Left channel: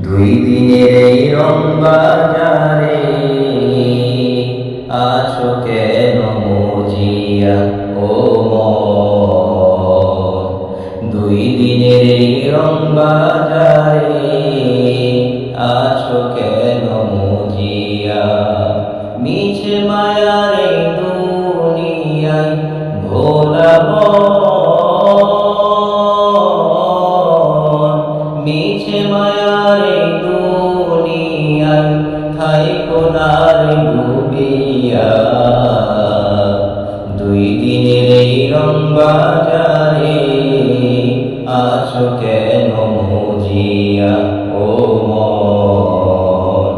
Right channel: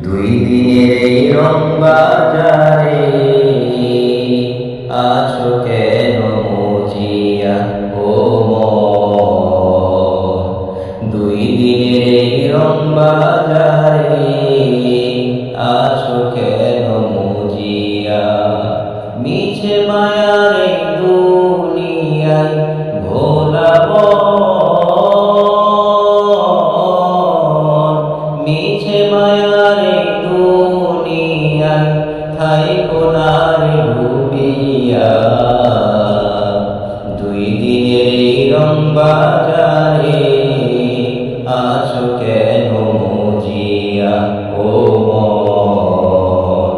দুই দিনের এই রং বাজারে আছো কেন মজিয়া ও মন। দুই দিনের এই রং বাজারে আছো কেন মজিয়া। মিছে মায়ার এই দুনিয়ায় ভোলাবো, মিছে মায়ার এই দুনিয়ায় থাইকো না রে ডুবিয়া। দুই দিনের এই রং বাজারে আছো কেন মজিয়া ও মন।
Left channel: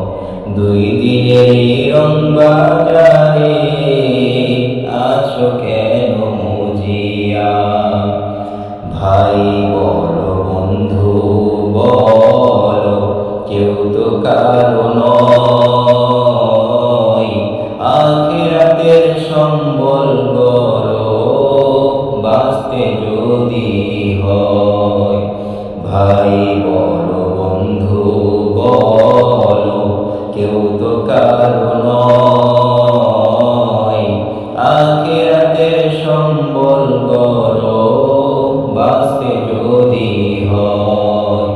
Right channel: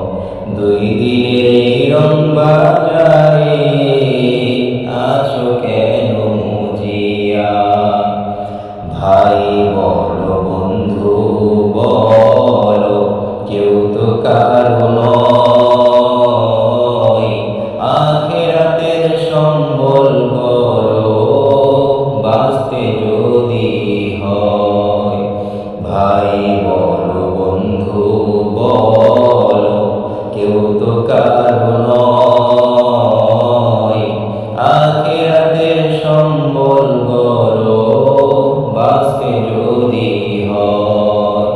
দুই দিনের এই রং বাজারে আছো কেন মজিয়া। ভাই বলো বন্ধু বলো, কেউ তো কারো নয়। আখিরাতের সম্বল করো বাঁচতে যদি হয়। ভাই বলো বন্ধু বলো, কেউ তো কারো নয়। আখিরাতের সম্বল করো বাঁচতে যদি হয়।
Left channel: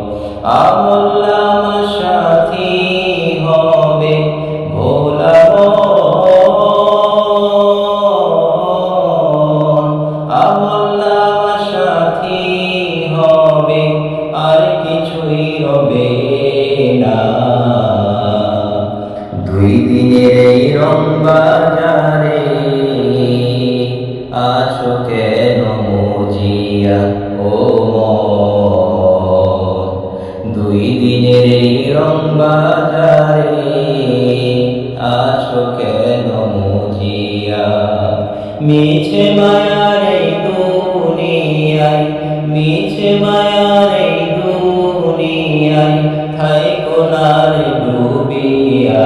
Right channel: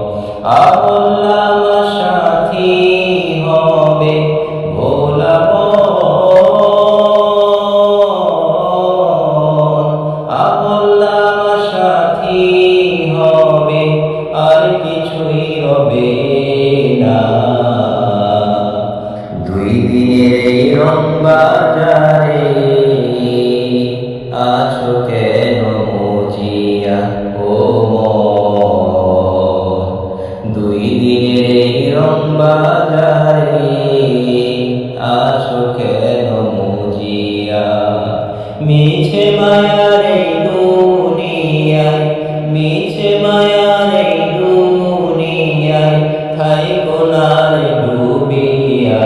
আমল নামা সাথী হবে ভোলা মন। আমল নামা সাথী হবে আর কিছুই রবে না। দুই দিনের এই রং বাজারে আছো কেন মজিয়া ও মন। দুই দিনের এই রং বাজারে আছো কেন মজিয়া। মিছে মায়ার এই দুনিয়ায়, মিছে মায়ার এই দুনিয়ায় থাইকো না রে ডুবিয়া।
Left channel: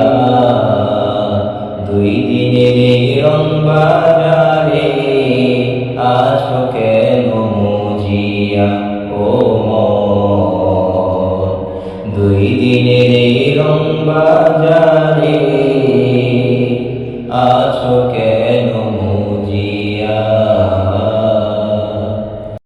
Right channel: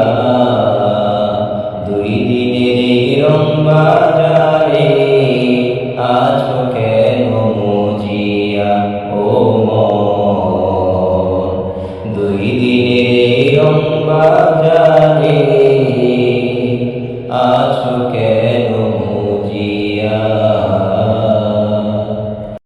দুই দিনের এই রং বাজারে আছো কেন মজিয়া ও মন। দুই দিনের এই রং বাজারে আছো কেন